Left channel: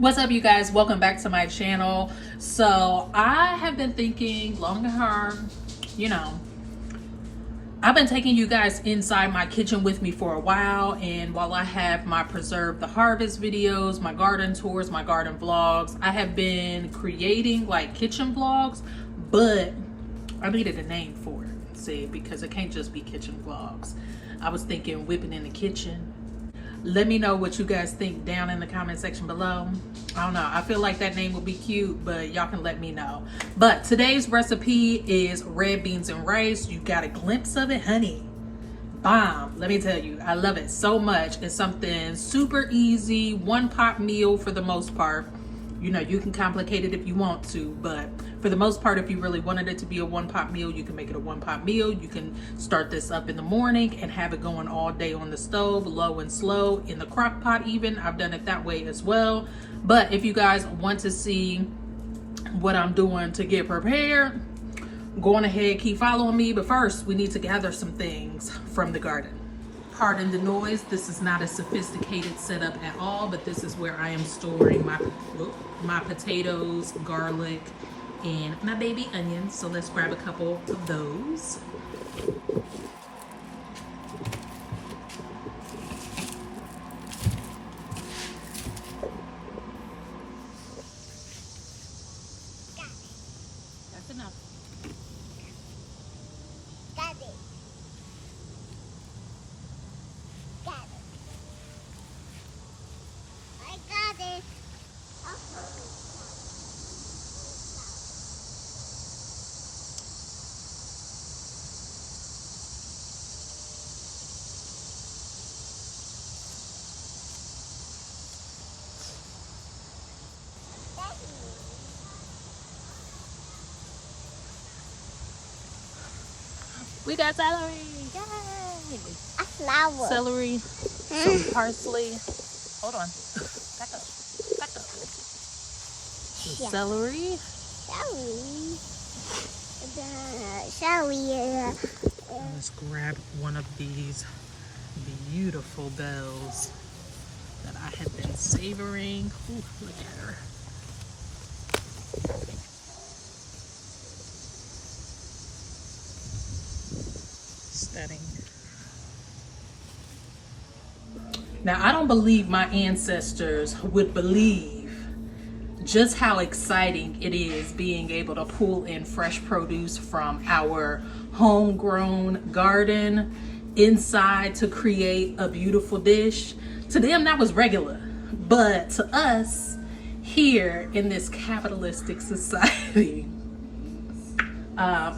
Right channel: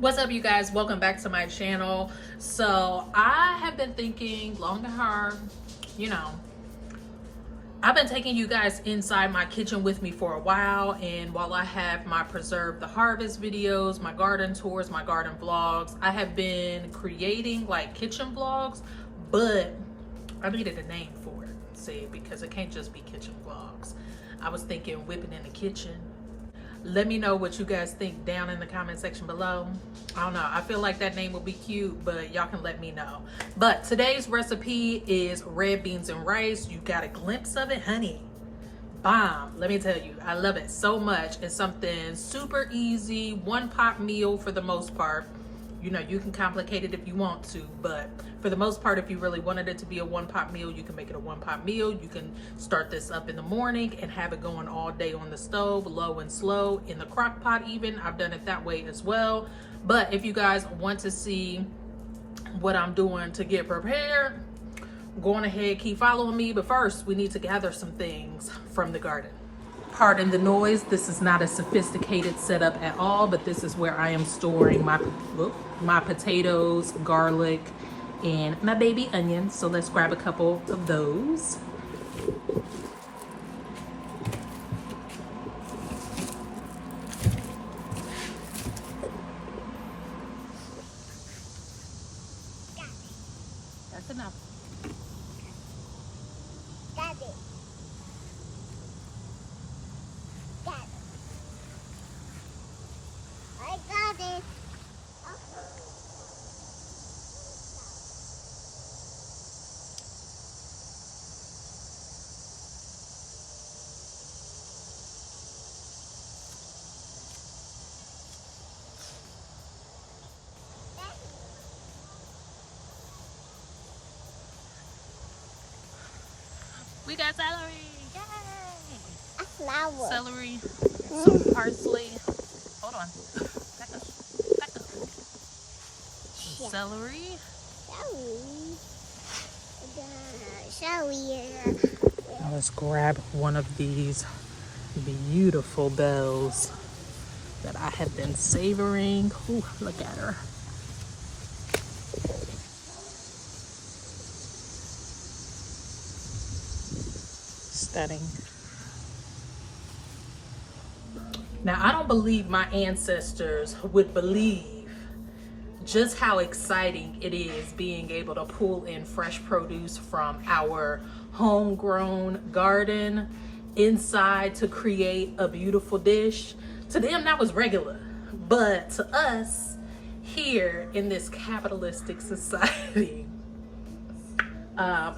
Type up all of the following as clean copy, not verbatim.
What's up, you guys? Welcome back to my channel. So I have been thinking long and hard, I've been taking you guys inside my kitchen with me for a while, and while I have my Preserve the Harvest videos, my garden tours, my garden vlogs, I have been creating like kitchen vlogs, but I needed a name for it, see, because it can't just be kitchen vlogs. I was thinking whipping in the kitchen. Let me know what you guys think down in the comment section below. I don't know, I feel like that name will be cute, but y'all can let me know. But today's recipe is red beans and rice. You got a glimpse of it, honey. Bomb. Let me tell you, I love it so much. It's something super easy, one pot meal for the most part. You know, you can complicate it if you want to, but for the most part, if you really wanted it to be a one pot meal, you can make it a one pot meal. You can start this up in the morning and have it going all day on the stove, low and slow, in the crock pot even. I've done it that way as well. But if you guys want to see what I'm doing to get prepared, go on ahead, keep following me. But first, we need to gather some things from the garden. Pardon the noise, this is not a sophisticated setup at all, but this is where I am storing my potatoes, garlic, and my baby onions. So let's grab a couple of those. That's enough. Got it. Got it. I got it. We got celery, yay! A flower. Celery, some parsley. Hold on, back up, back up. Some celery. Now let's grab one of these beautiful bells that I have been savoring. Ooh, look at her. Stunning. Now, I don't believe my ancestors would believe just how exciting it is being able to pull in fresh produce from our homegrown garden inside to create a beautiful dish. To them, that was regular. But to us, here in this capitalistic society,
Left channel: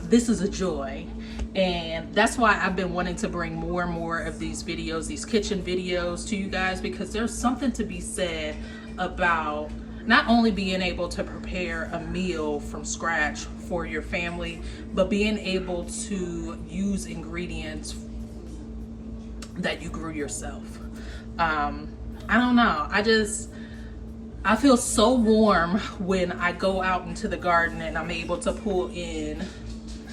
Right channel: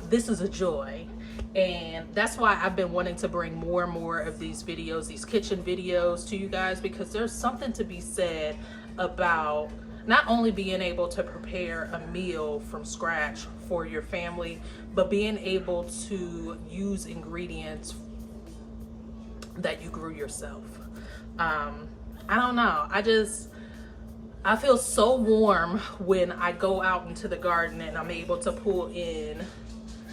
this is a joy. And that's why I've been wanting to bring more and more of these videos, these kitchen videos to you guys, because there's something to be said about not only being able to prepare a meal from scratch for your family, but being able to use ingredients that you grew yourself. I don't know, I feel so warm when I go out into the garden and I'm able to pull in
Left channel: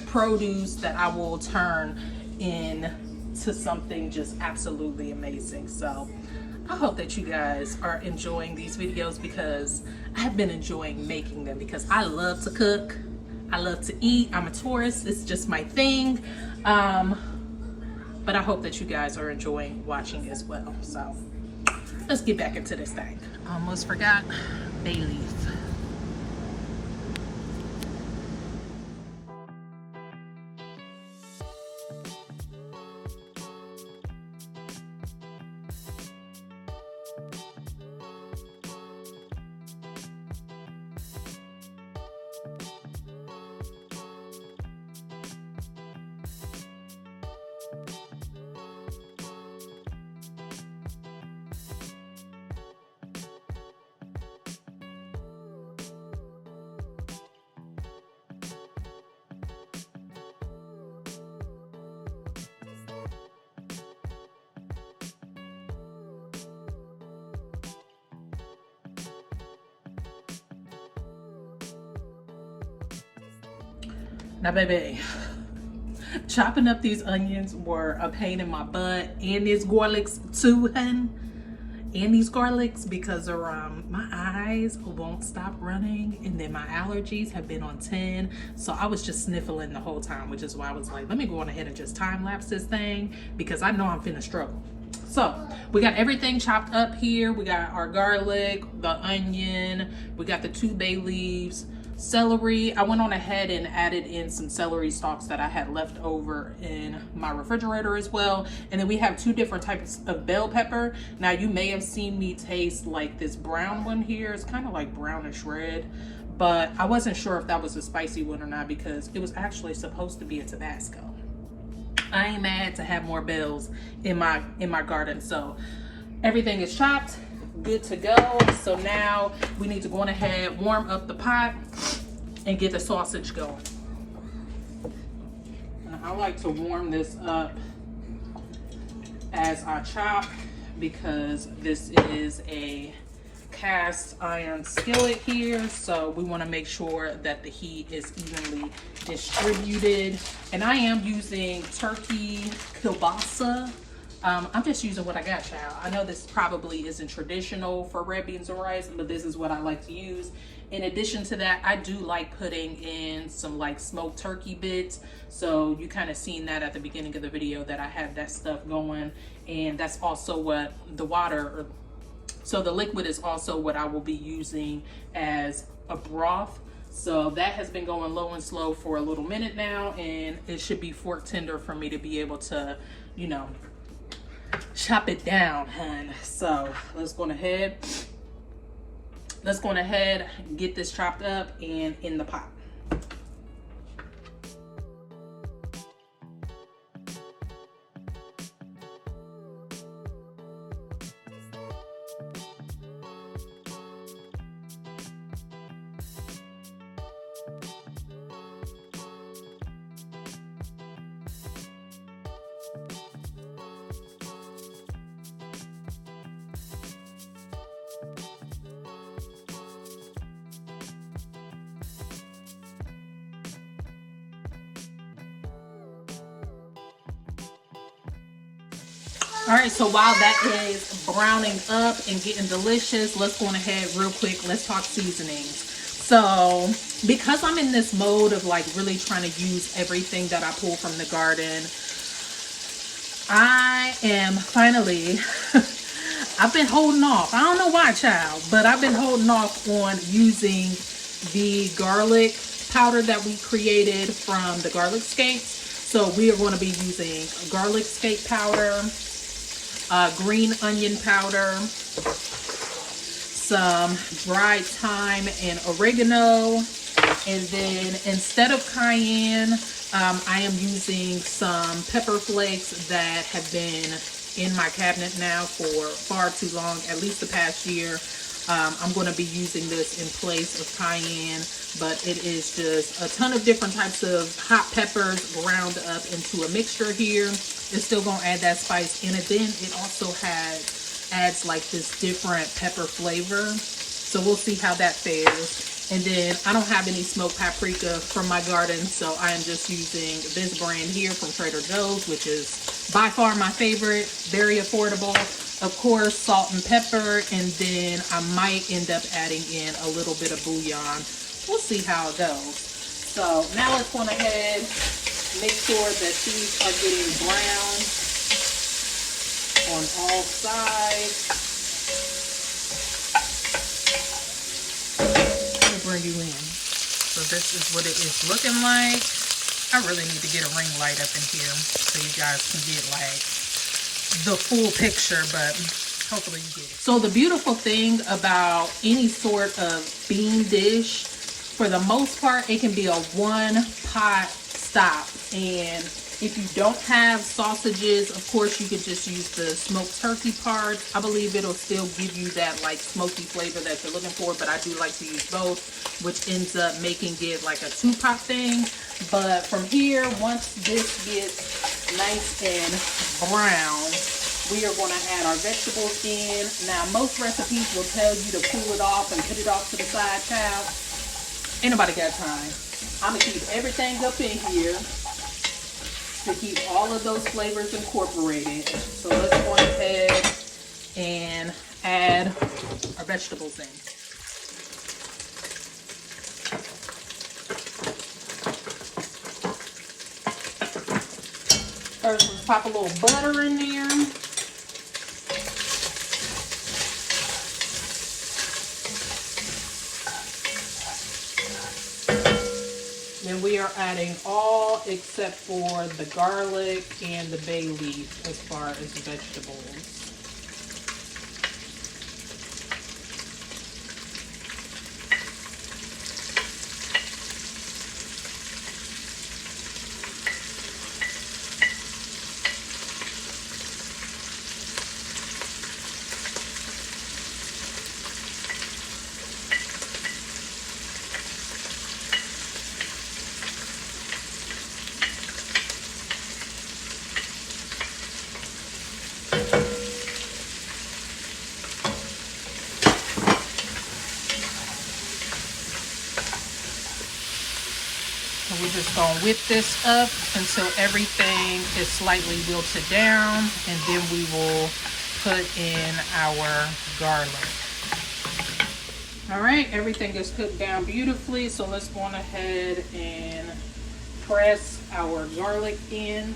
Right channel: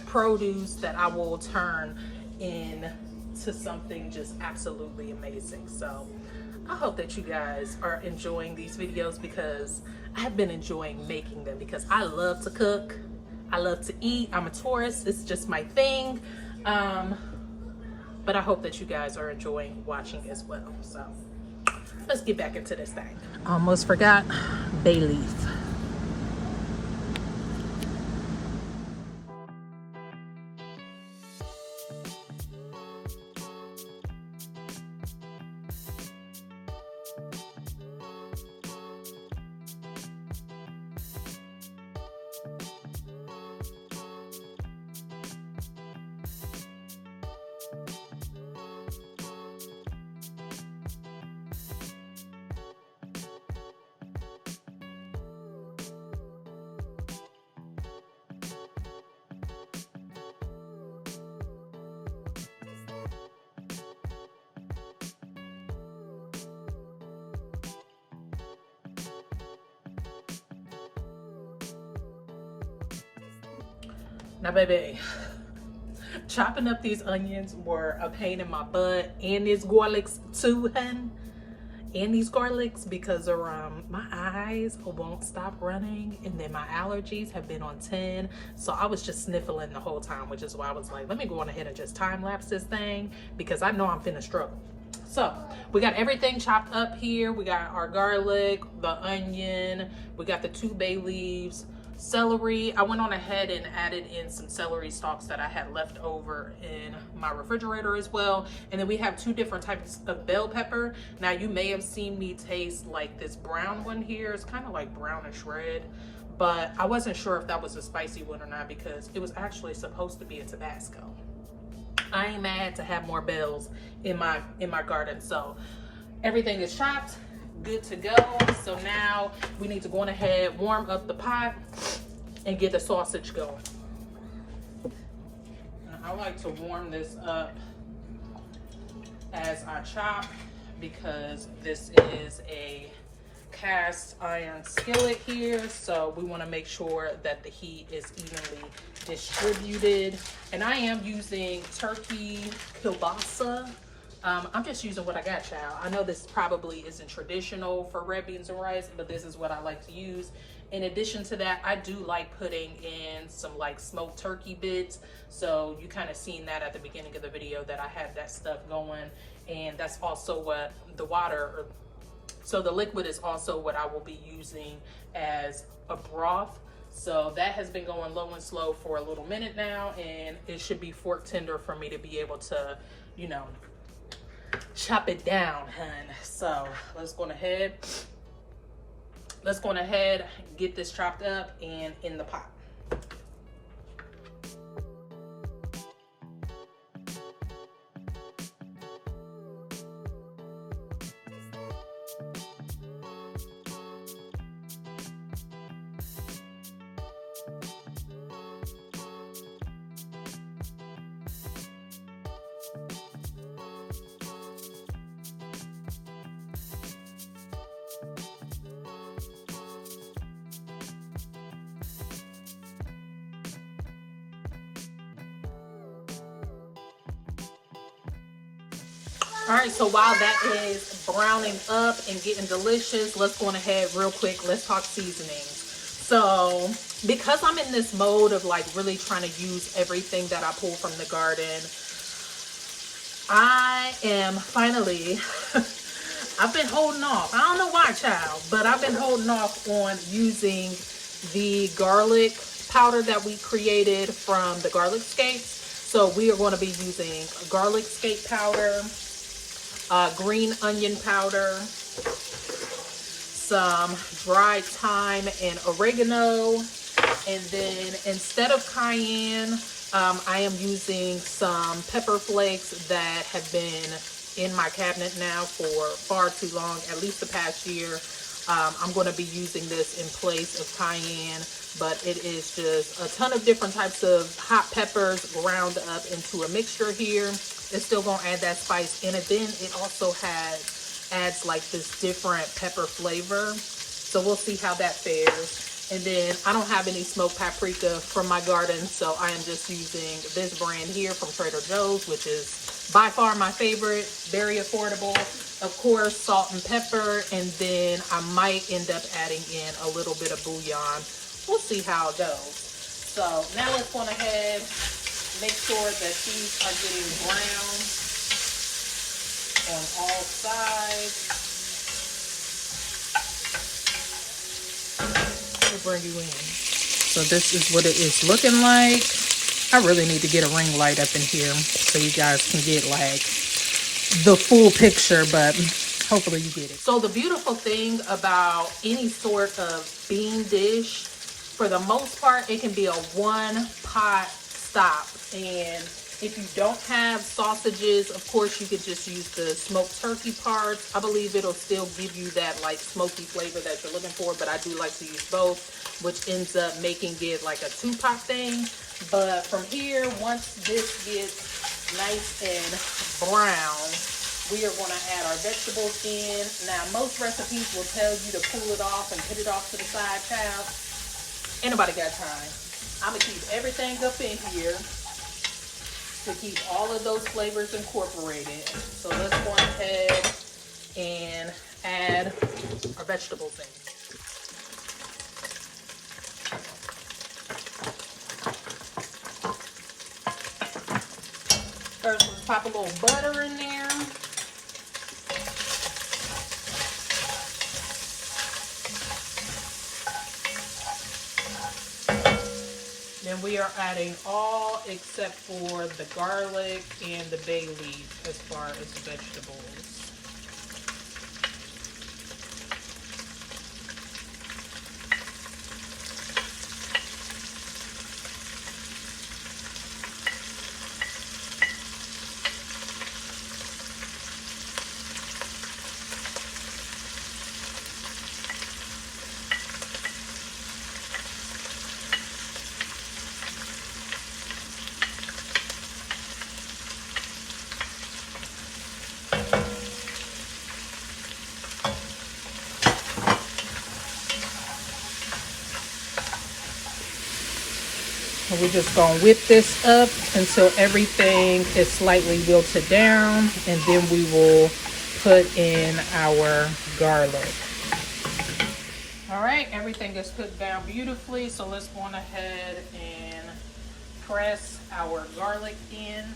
produce that I will turn into something just absolutely amazing. So I hope that you guys are enjoying these videos, because I've been enjoying making them, because I love to cook, I love to eat, I'm a tourist, it's just my thing. But I hope that you guys are enjoying watching as well. So let's get back into this thing. Almost forgot bay leaf. Now, baby, chopping up these onions were a pain in my butt, and this garlic too, hun. and these garlics because my eyes won't stop running, and then my allergies have been on 10. So I was just sniffling the whole time, which is why I was like, let me go on ahead and just time lapse this thing because I know I'm finna struggle. So we got everything chopped up here. We got our garlic, the onion, we got the 2 bay leaves, celery. I went on ahead and added in some celery stalks that I had left over in my refrigerator as well. And then we have 2 different types of bell pepper. Now you may have seen me taste like this brown one here. It's kind of like brownish red, but I wasn't sure if that was a spicy one or not because it was actually supposed to be a Tabasco. I ain't mad to have more bells in my garden. So everything is chopped, good to go. So now we need to go on ahead, warm up the pot and get the sausage going. Now, I like to warm this up as I chop because this is a cast iron skillet here, so we want to make sure that the heat is evenly distributed. And I am using turkey kielbasa. I'm just using what I got, child. I know this probably isn't traditional for red beans and rice, but this is what I like to use. In addition to that, I do like putting in some like smoked turkey bits. So you kind of seen that at the beginning of the video that I have that stuff going. And that's also what the water, so the liquid is also what I will be using as a broth. So that has been going low and slow for a little minute now, and it should be fork tender for me to be able to, you know, chop it down, hun. So let's go ahead and get this chopped up and in the pot. All right, so while that is browning up and getting delicious, let's go on ahead real quick. Let's talk seasonings. So because I'm in this mode of like really trying to use everything that I pull from the garden, I am finally, I've been holding off. I don't know why, child, but I've been holding off on using the garlic powder that we created from the garlic scapes. So we are going to be using garlic scape powder, green onion powder, some dried thyme and oregano, and then instead of cayenne, I am using some pepper flakes that have been in my cabinet now for far too long, at least the past year. I'm going to be using this in place of cayenne, but it is just a ton of different types of hot peppers ground up into a mixture here. It's still going to add that spice in it. Then it also adds like this different pepper flavor. So we'll see how that fares. And then I don't have any smoked paprika from my garden, so I am just using this brand here from Trader Joe's, which is by far my favorite, very affordable. Of course, salt and pepper, and then I might end up adding in a little bit of bouillon. We'll see how it goes. So now let's go ahead, make sure that these are getting brown on all sides. Let me bring you in. So this is what it is looking like. I really need to get a ring light up in here so you guys can get like the full picture, but hopefully you get it. So the beautiful thing about any sort of bean dish, for the most part, it can be a one pot stop. And if you don't have sausages, of course you could just use the smoked turkey part. I believe it'll still give you that like smoky flavor that you're looking for, but I do like to use both, which ends up making it like a 2-pot thing. But from here, once this gets nice and brown, we are going to add our vegetables in. Now, most recipes will tell you to pull it off and put it off to the side, child. Ain't nobody got time. I'm going to keep everything up in here to keep all of those flavors incorporated. So let's go ahead and vegetables in. First, let's pop a little butter in there. Then we are adding all except for the garlic and the bay leaf as far as vegetables. We're just going to whip this up until everything is slightly wilted down, and then we will put in our garlic. All right, everything is cooked down beautifully, so let's go on ahead and press our garlic in.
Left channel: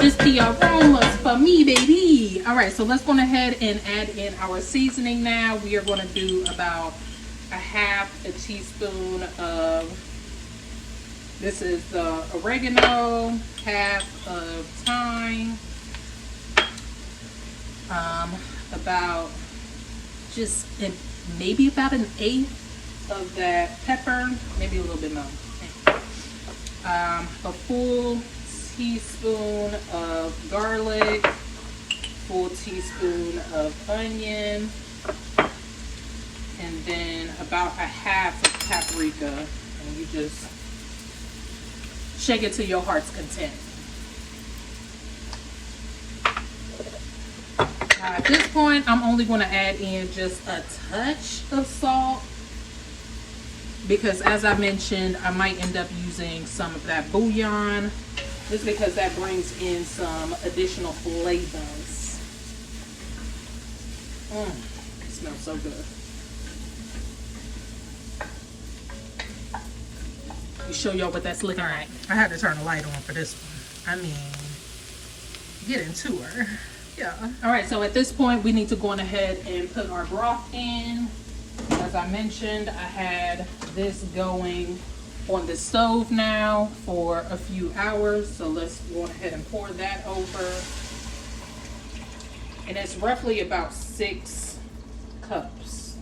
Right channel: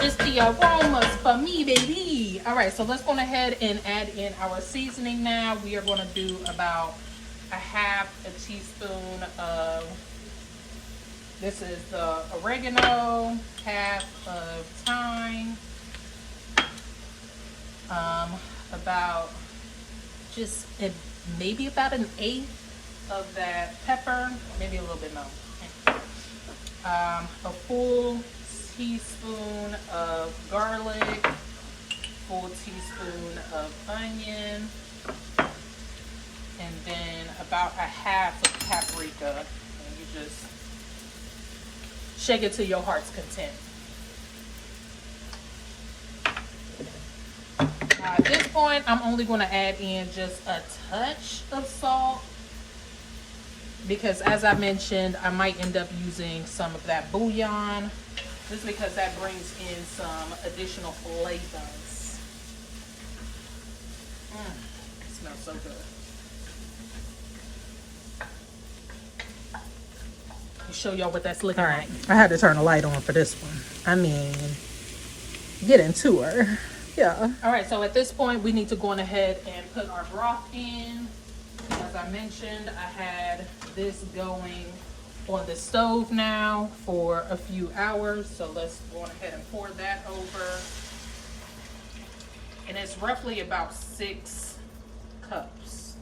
Just the aromas for me, baby. All right, so let's go ahead and add in our seasoning now. We are going to do about a half a teaspoon of, this is the oregano, half of thyme, about just maybe about an eighth of that pepper, maybe a little bit more. A full teaspoon of garlic, full teaspoon of onion, and then about a half of paprika, and you just shake it to your heart's content. At this point, I'm only going to add in just a touch of salt, because as I mentioned, I might end up using some of that bouillon, just because that brings in some additional flavors. It smells so good. Let me show y'all what that's looking like. All right, I had to turn the light on for this one. I mean, get into her. Yeah. All right, so at this point, we need to go on ahead and put our broth in. As I mentioned, I had this going on the stove now for a few hours, so let's go ahead and pour that over. And it's roughly about 6 cups.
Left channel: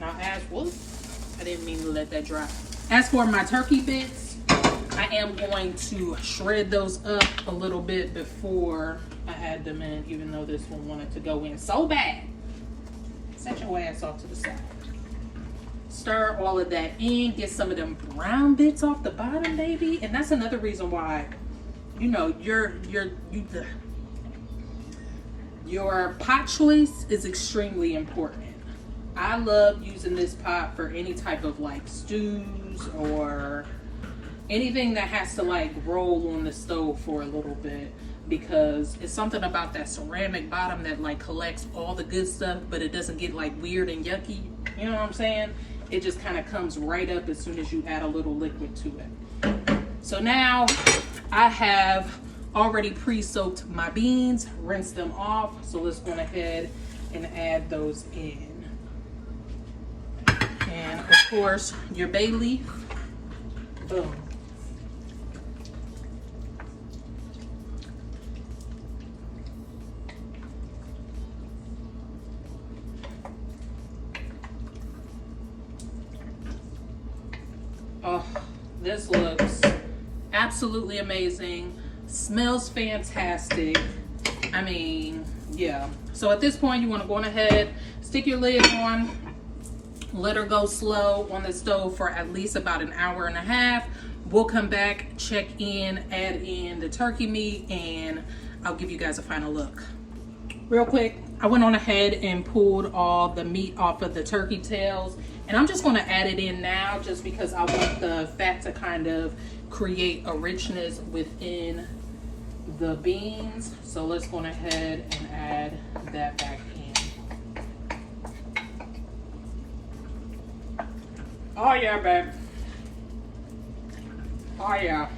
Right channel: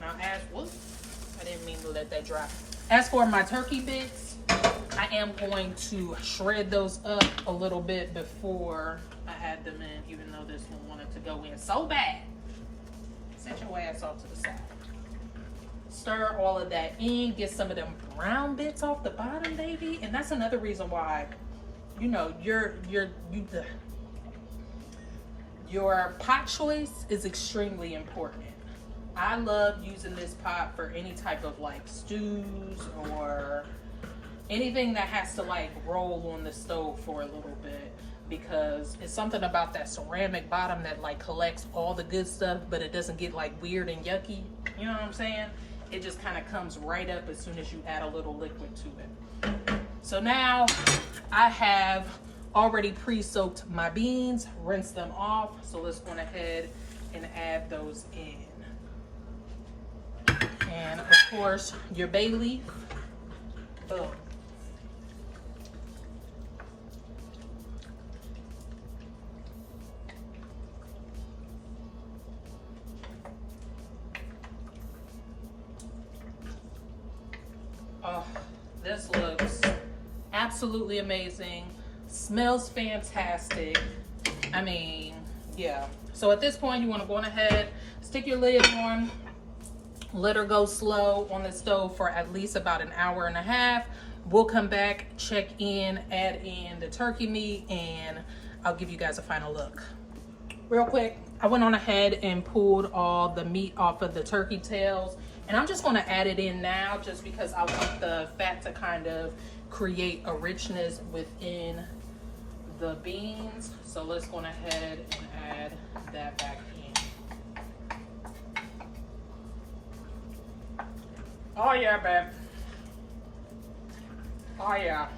Now I didn't mean to let that dry. As for my turkey bits, I am going to shred those up a little bit before I add them in, even though this one wanted to go in so bad. Set your ass off to the side. Stir all of that in, get some of them brown bits off the bottom, baby. And that's another reason why, you know, your pot choice is extremely important. I love using this pot for any type of like stews or anything that has to like roll on the stove for a little bit, because it's something about that ceramic bottom that like collects all the good stuff, but it doesn't get like weird and yucky. You know what I'm saying? It just kind of comes right up as soon as you add a little liquid to it. So now I have already pre-soaked my beans, rinsed them off. So let's go ahead and add those in. And of course, your bay leaf. Boom. Oh, this looks absolutely amazing. Smells fantastic. I mean, yeah. So at this point, you want to go on ahead, stick your lid on, let her go slow on the stove for at least about an hour and a half. We'll come back, check in, add in the turkey meat, and I'll give you guys a final look. Real quick, I went on ahead and pulled all the meat off of the turkey tails, and I'm just going to add it in now just because I want the fat to kind of create a richness within the beans. So let's go ahead and add that back in. Oh yeah, babe. Oh yeah.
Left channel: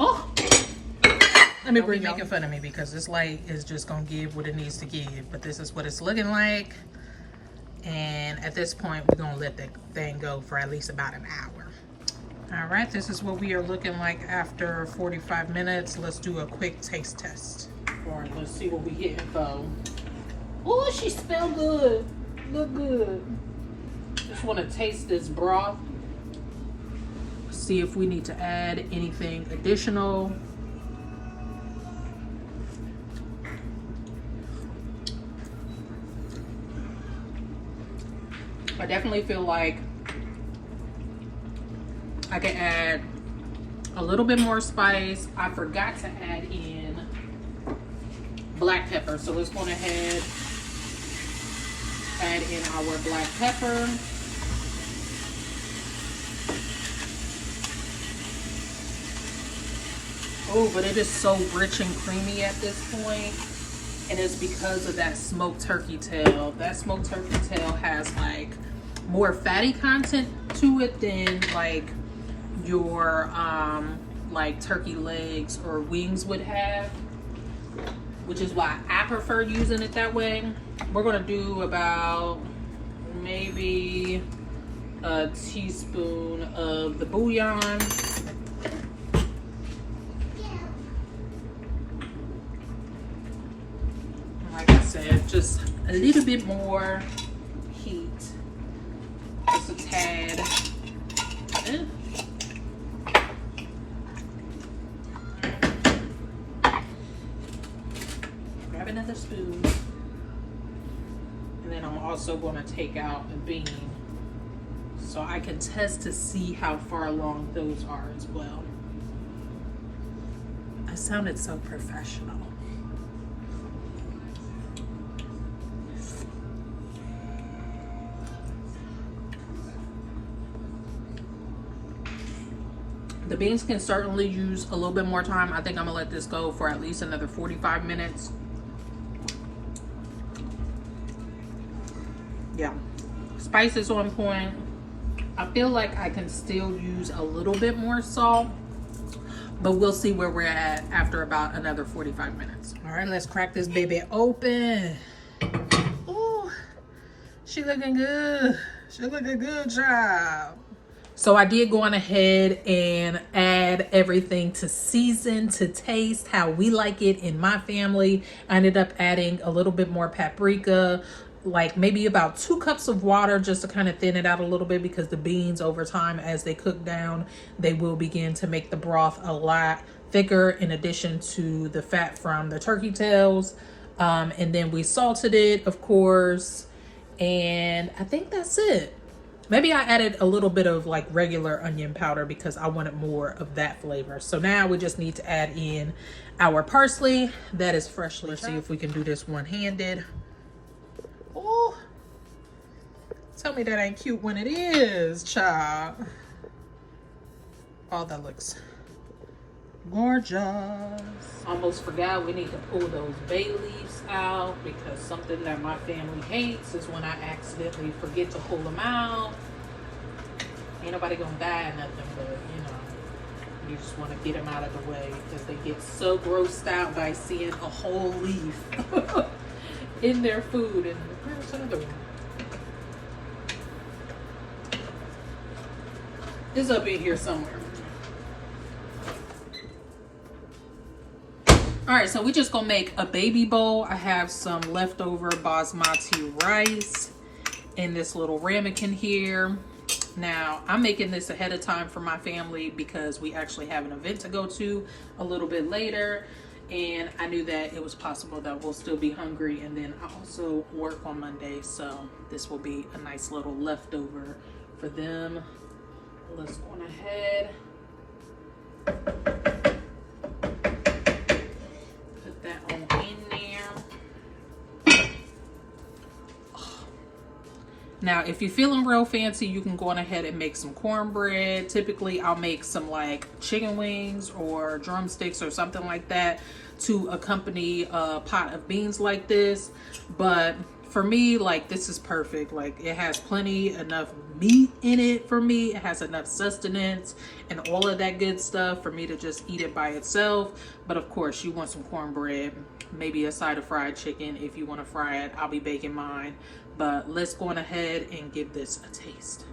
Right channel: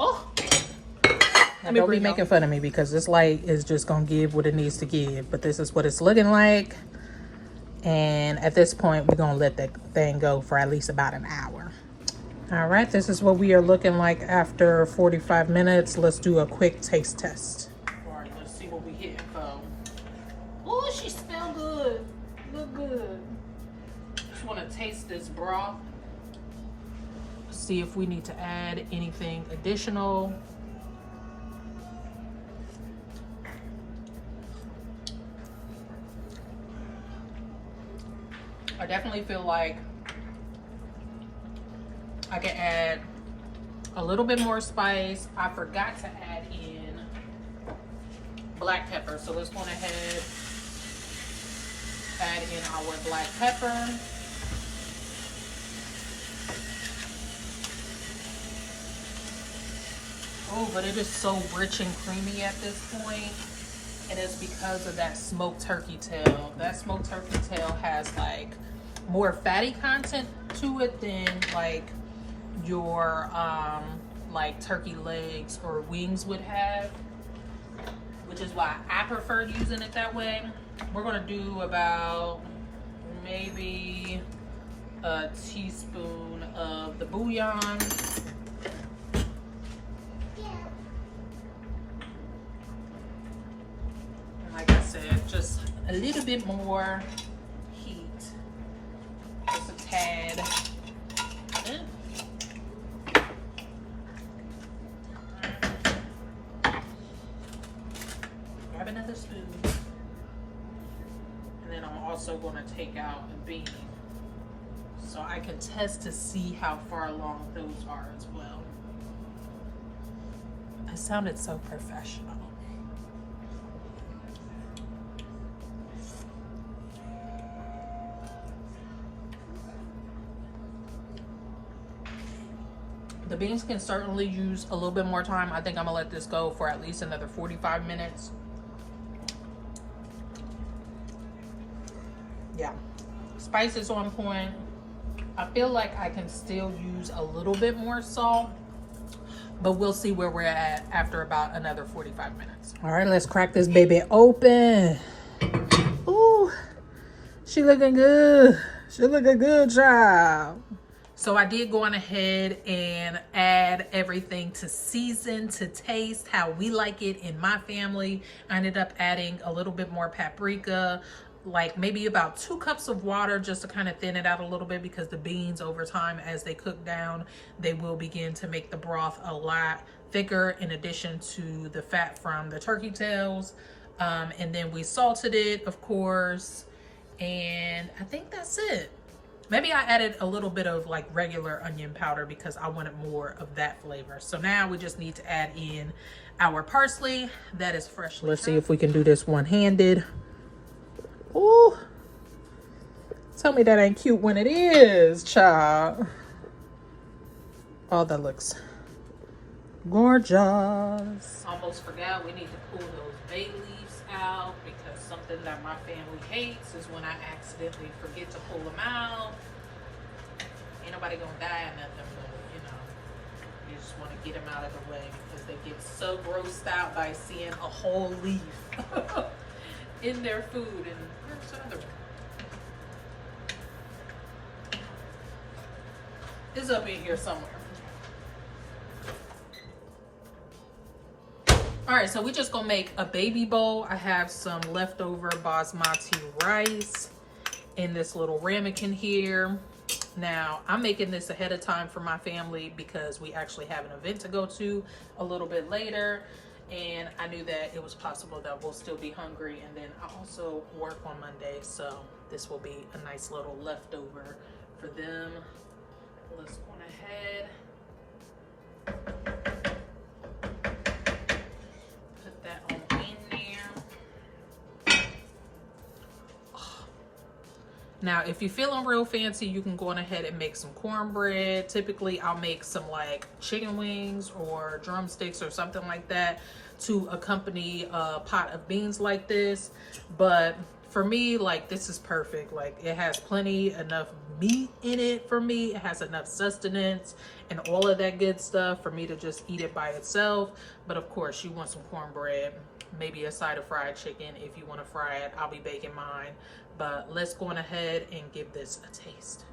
Oh. Don't be making fun of me because this light is just gonna give what it needs to give. But this is what it's looking like. And at this point, we're gonna let that thing go for at least about an hour. All right, this is what we are looking like after 45 minutes. Let's do a quick taste test. All right, let's see what we hitting for. Oh, she smell good. Look good. Just want to taste this broth. See if we need to add anything additional. I definitely feel like I can add a little bit more spice. I forgot to add in black pepper, so let's go ahead, add in our black pepper. Oh, but it is so rich and creamy at this point, and it's because of that smoked turkey tail. That smoked turkey tail has like more fatty content to it than like your like turkey legs or wings would have, which is why I prefer using it that way. We're gonna do about maybe a teaspoon of the bouillon. Like I said, just a little bit more heat, just a tad. Grab another spoon, and then I'm also going to take out the bean so I can test to see how far along those are as well. I sounded so professional. The beans can certainly use a little bit more time. I think I'm gonna let this go for at least another 45 minutes. Yeah, spice is on point. I feel like I can still use a little bit more salt, but we'll see where we're at after about another 45 minutes. All right, let's crack this baby open. Ooh, she looking good. She looking good, child. So I did go on ahead and add everything to season, to taste how we like it in my family. I ended up adding a little bit more paprika, like maybe about 2 cups of water just to kind of thin it out a little bit, because the beans over time, as they cook down, they will begin to make the broth a lot thicker, in addition to the fat from the turkey tails. And then we salted it, of course, and I think that's it. Maybe I added a little bit of like regular onion powder because I wanted more of that flavor. So now we just need to add in our parsley that is freshly Let's see if we can do this one-handed. Ooh, tell me that ain't cute when it is, child. Oh, that looks gorgeous. Almost forgot we need to pull those bay leaves out, because something that my family hates is when I accidentally forget to pull them out. Ain't nobody gonna die or nothing, but you know, you just want to get them out of the way because they get so grossed out by seeing a whole leaf in their food. And where's another one? It's up in here somewhere. All right, so we just gonna make a baby bowl. I have some leftover basmati rice in this little ramekin here. Now, I'm making this ahead of time for my family because we actually have an event to go to a little bit later. And I knew that it was possible that we'll still be hungry. And then I also work on Monday. So this will be a nice little leftover for them. Let's go on ahead. Put that on in there. Now, if you're feeling real fancy, you can go on ahead and make some cornbread. Typically, I'll make some like chicken wings or drumsticks or something like that to accompany a pot of beans like this. But for me, like, this is perfect. Like, it has plenty enough meat in it for me. It has enough sustenance and all of that good stuff for me to just eat it by itself. But of course, you want some cornbread, maybe a side of fried chicken. If you want to fry it, I'll be baking mine. But let's go on ahead and give this a taste.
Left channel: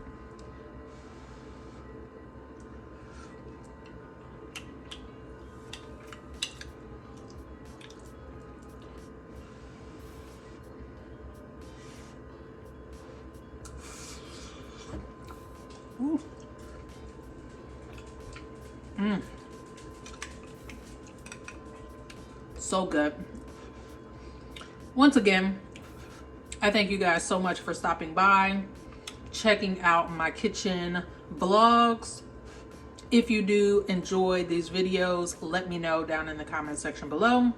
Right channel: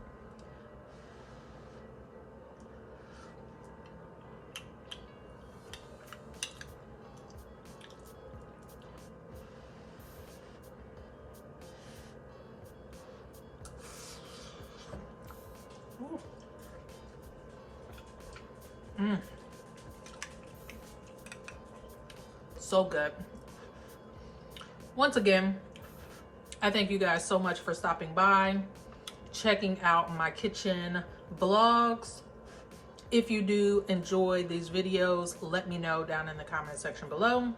Ooh. So good. Once again, I thank you guys so much for stopping by, checking out my kitchen vlogs. If you do enjoy these videos, let me know down in the comment section below.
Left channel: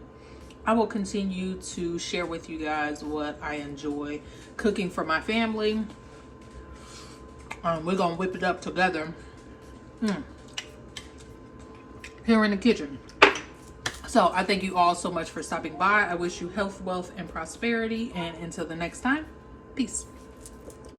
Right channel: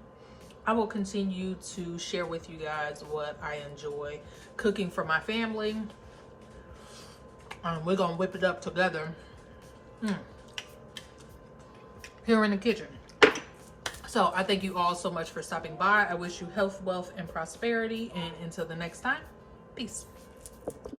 I will continue to share with you guys what I enjoy cooking for my family. We're gonna whip it up together here in the kitchen. So I thank you all so much for stopping by. I wish you health, wealth, and prosperity. And until the next time, peace.